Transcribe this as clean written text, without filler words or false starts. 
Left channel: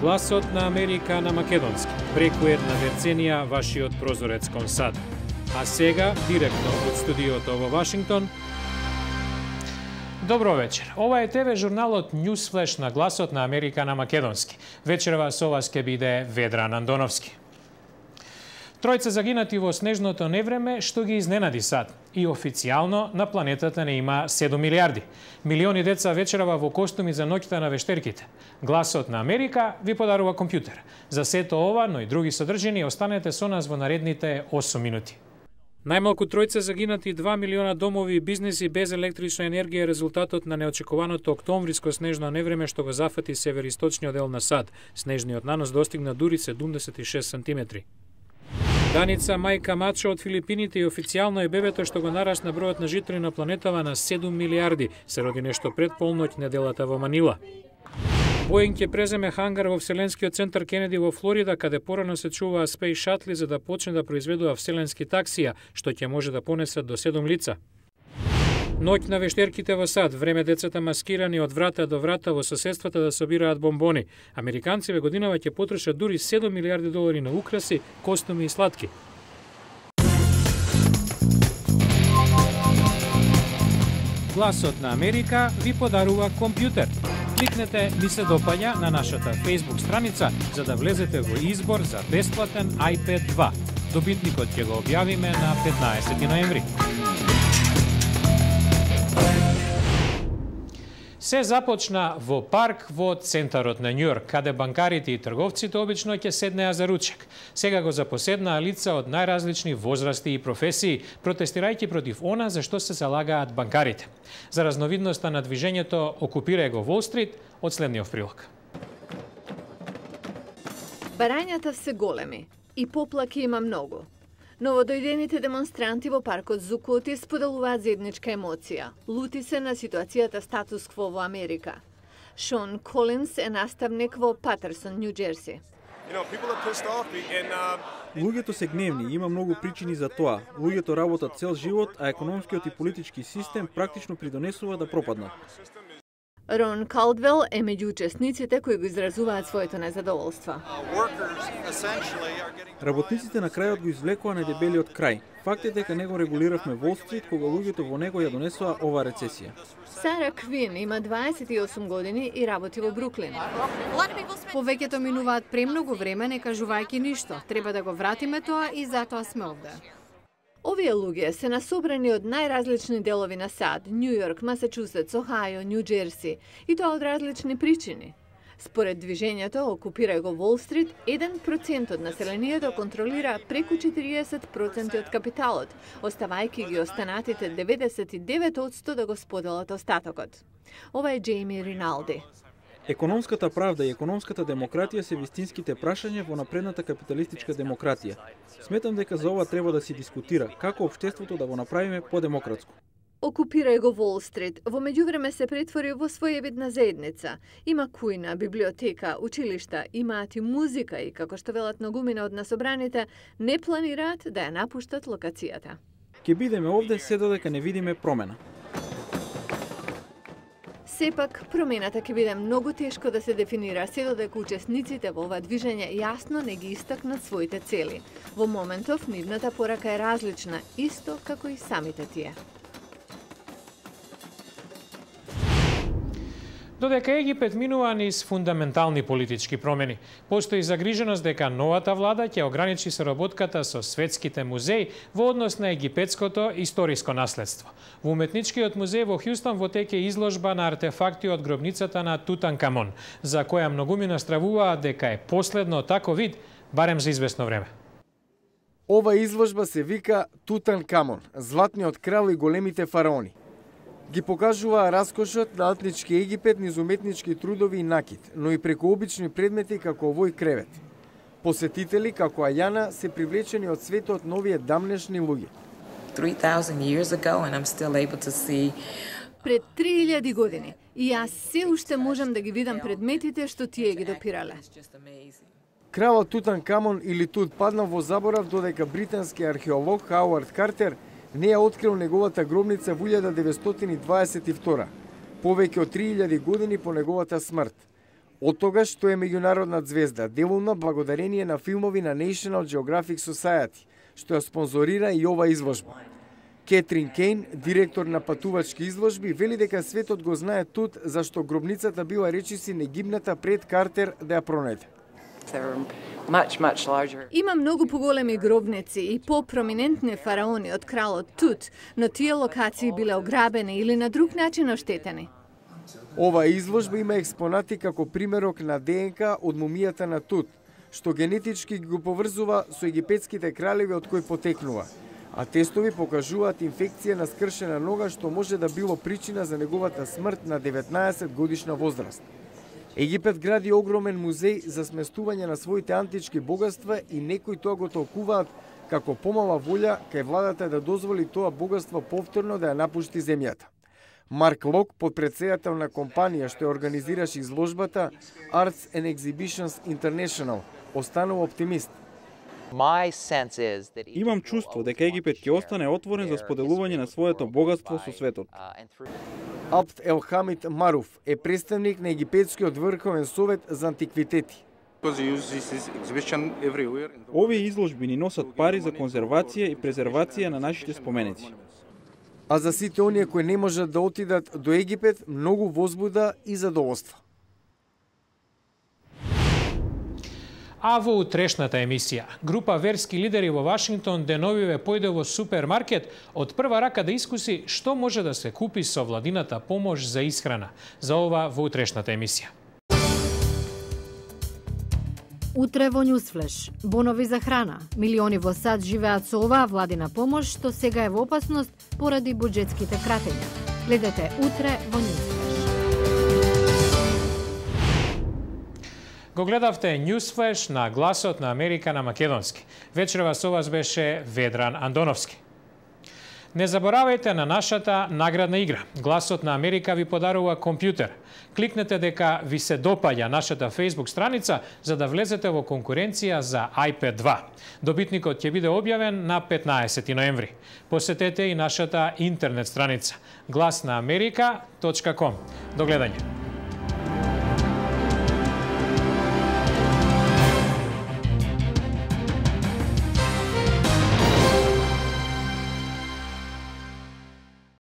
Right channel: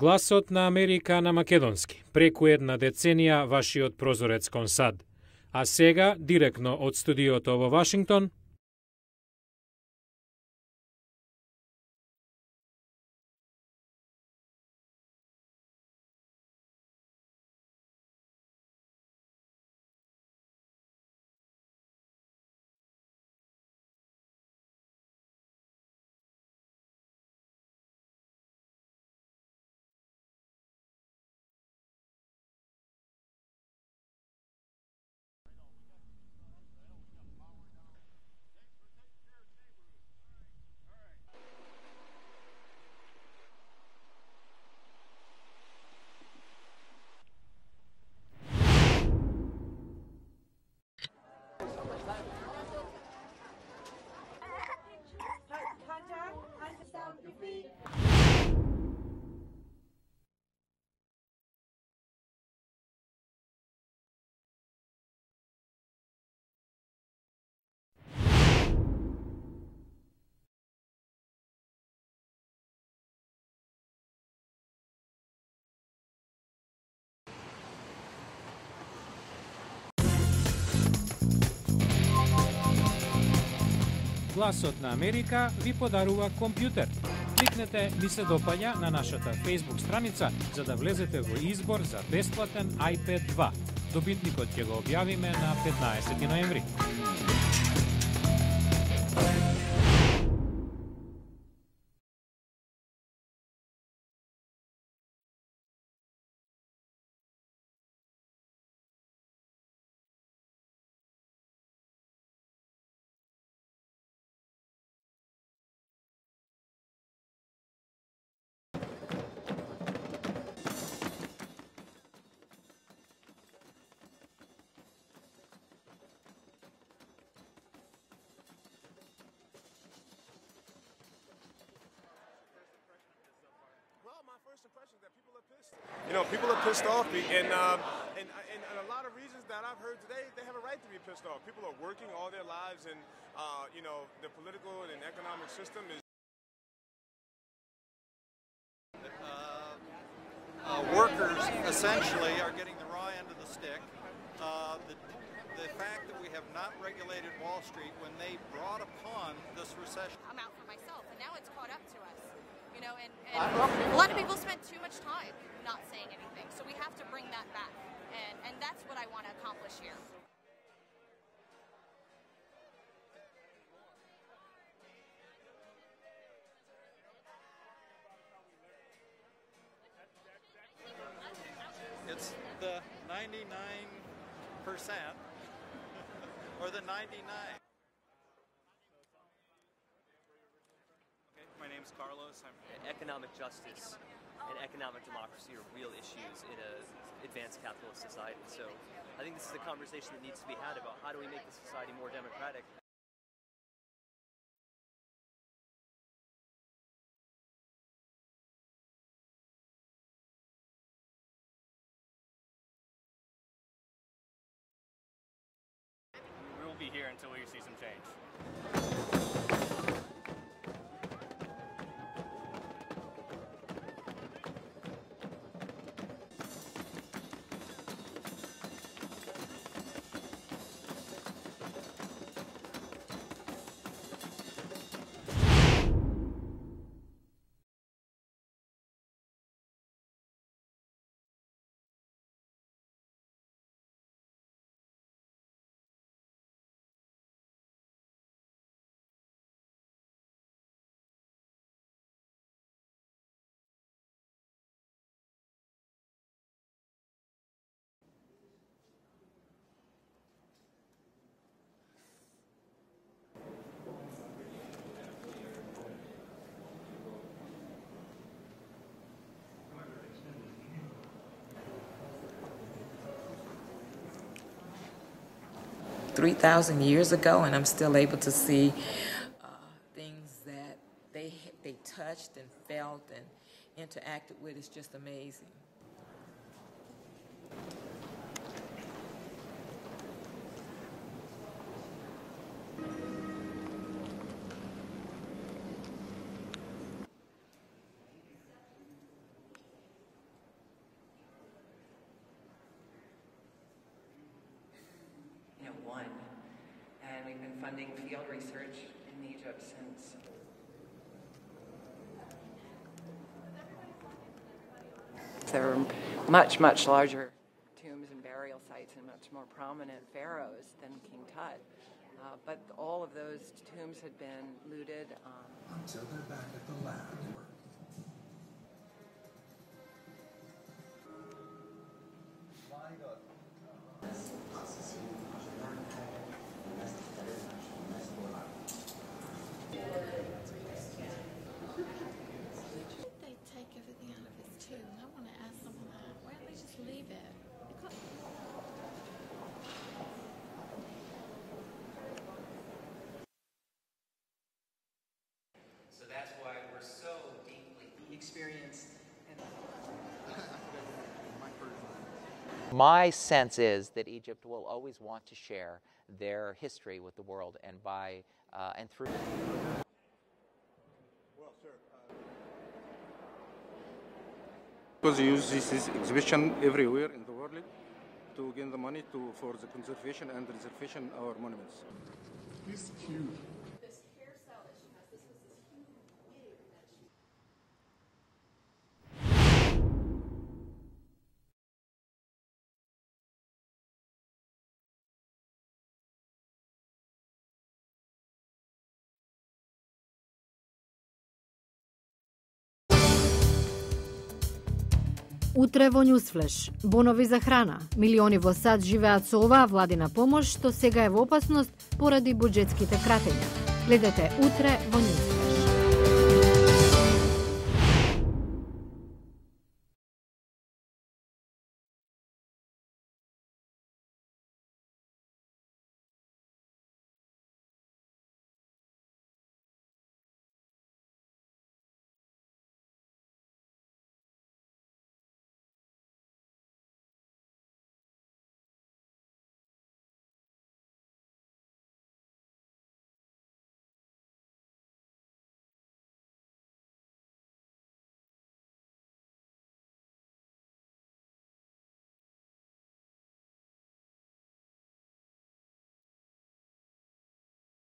Гласот на Америка на македонски. Преку една деценија вашиот прозорец кон САД. А сега, директно од студиото во Вашингтон. Добро вечер. Ова е ТВ журналот Newsflash на Гласот на Америка на македонски. Вечерва со вас ќе биде Ведран Андоновски. Тројца загинати во снежното невреме што ги изненади САД. И официјално на планетата не има 7 милиарди. Милиони деца вечерва во костуми за ноќта на вештерките. Гласот на Америка ви подарува компјутер. За сето ова, но и други содржини, останете со нас во наредните 8 минути. Најмалку тројца загинати, 2 милиона домови и бизнеси без електрична енергија е резултатот на неочекуваното октомвриско снежно невреме што го зафати североисточниот дел на САД. Снежниот нанос достигна дури 76 сантиметри. Даница Мајка Мачо од Филипините и официјално е бебето што го нарасна бројот на жители на планетава на 7 милиарди. Се роди нешто пред полноќ неделата во Манила. Боинг ќе преземе хангар во Вселенскиот центар Кенеди во Флорида, каде порано се чуваа спејс шатли за да почне да произведува вселенски таксија, што ќе може да понесат до 7 лица. Ноќ на вештерките во САД, време децата маскирани од врата до врата во соседствата да собираат бомбони. Американци ве годинава ќе потрошат дури 7 милиарди долари на украси, костуми и сладки. Гласот на Америка ви подарува компјутер. Кликнете ми се допаѓа на нашата Facebook страница за да влезете во избор за бесплатен iPad 2. Добитникот ќе го објавиме на 15 ноември. Се започна во парк во центарот на Њујорк, каде банкарите и трговците обично ќе седнеа за ручек. Сега го запоседнаа лица од најразлични возрасти и професии, протестирајќи против она за што се залагаат банкарите. За разновидноста на движењето Окупирај го Волл Стрит од следниот прилог. Барањата се големи и поплаки има многу. Новодојдените демонстранти во паркот Зукоти споделуваат заедничка емоција. Лути се на ситуацијата статус-кво во Америка. Шон Колинс е наставник во Патерсон, Нью Џерси. Луѓето се гневни, има многу причини за тоа. Луѓето работат цел живот, а економскиот и политички систем практично придонесува да пропаднат. Рон Калдвел е меѓу учесниците кои го изразуваат своето незадоволство. Работниците на крајот го извлекоа на дебелиот крај. Факт е дека не го регулиравме Волл Стрит кога луѓето во него ја донесоа ова рецесија. Сара Квин има 28 години и работи во Бруклин. Повеќето минуваат премногу време не кажувајќи ништо. Треба да го вратиме тоа и затоа сме овде. Овие луѓе се насобрани од најразлични делови на САД, Њујорк, Масачусетс, Охајо, Нью Џерси, и тоа од различни причини. Според движењето Окупирај го Волл Стрит, 1% од населението контролира преку 40% од капиталот, оставајќи ги останатите 99% да го споделат остатокот. Ова е Џејми Риналди. Економската правда и економската демократија се вистинските прашања во напредната капиталистичка демократија. Сметам дека за ова треба да се дискутира, како општеството да го направиме подемократско. Окупирај го Волл Стрит во меѓувреме се претвори во своевидна заедница. Има кујна, библиотека, училишта, имаат и музика и, како што велат многумина од насобраните, не планираат да ја напуштат локацијата. Ќе бидеме овде се додека не видиме промена. Сепак, промената ќе биде многу тешко да се дефинира се додека учесниците во ова движење јасно не ги истакнат своите цели. Во моментов, нивната порака е различна, исто како и самите тие. Додека Египет минува низ фундаментални политички промени, постои загриженост дека новата влада ќе ограничи соработката со светските музеи во однос на египетското историско наследство. Во уметничкиот музеј во Хјустон во тек е изложба на артефакти од гробницата на Тутанкамон, за која многумина стравуваат дека е последно тако вид, барем за известно време. Ова изложба се вика Тутанкамон, златниот крал и големите фараони. Ги покажува раскошот на антички Египет низ уметнички трудови и накид, но и преку обични предмети како овој кревет. Посетители како Ајана се привлечени од светот на овие дамнешни луѓе. 3,000 years ago and I'm still able to see. Пред 3000 години и јас се уште можам да ги видам предметите што тие ги допирале. Кралот Тутанкамон или Тут паднал во заборав додека британски археолог Хауард Картер не ја открил неговата гробница во 1922, повеќе од 3000 години по неговата смрт. Од тогаш тој е меѓународна звезда, делумно благодарение на филмови на National Geographic Society, што ја спонзорира и ова изложба. Кетрин Кейн, директор на патувачки изложби, вели дека светот го знае Тут, зашто гробницата била речиси негибната пред Картер да ја пронајде. Има многу поголеми гробници и попроминентни фараони од кралот Тут, но тие локации биле ограбени или на друг начин оштетени. Ова изложба има експонати како примерок на ДНК од мумијата на Тут, што генетички го поврзува со египетските кралеви од кои потекнува, а тестови покажуваат инфекција на скршена нога што може да било причина за неговата смрт на 19 годишна возраст. Египет гради огромен музеј за сместување на своите антички богатства и некои тоа го толкуваат како помала волја кај владата да дозволи тоа богатство повторно да ја напушти земјата. Марк Лок, подпредседател на компанија што ја организираше изложбата Arts and Exhibitions International, останува оптимист. Имам чувство дека Египет ќе остане отворен за споделување на своето богатство со светот. Абд Ел Хамид Маруф е представник на Египетскиот врховен совет за антиквитети. Овие изложби ни носат пари за конзервација и презервација на нашите споменици. А за сите оние кои не можат да отидат до Египет, многу возбуда и задоволство. А во утрешната емисија, група верски лидери во Вашингтон деновиве појде во супермаркет од прва рака да искуси што може да се купи со владината помош за исхрана. За ова во утрешната емисија. Утре во Ньюсфлеш. Бонови за храна. Милиони во САД живеат со оваа владина помош, што сега е во опасност поради буџетските кратења. Гледате утре во Ньюсфлеш. Го гледавте Ньюсфлеш на Гласот на Америка на македонски. Вечерва со вас беше Ведран Андоновски. Не заборавајте на нашата наградна игра. Гласот на Америка ви подарува компјутер. Кликнете дека ви се допаѓа нашата Facebook страница за да влезете во конкуренција за iPad 2. Добитникот ќе биде објавен на 15 ноември. Посетете и нашата интернет страница glaснaamerika.com. До гледање.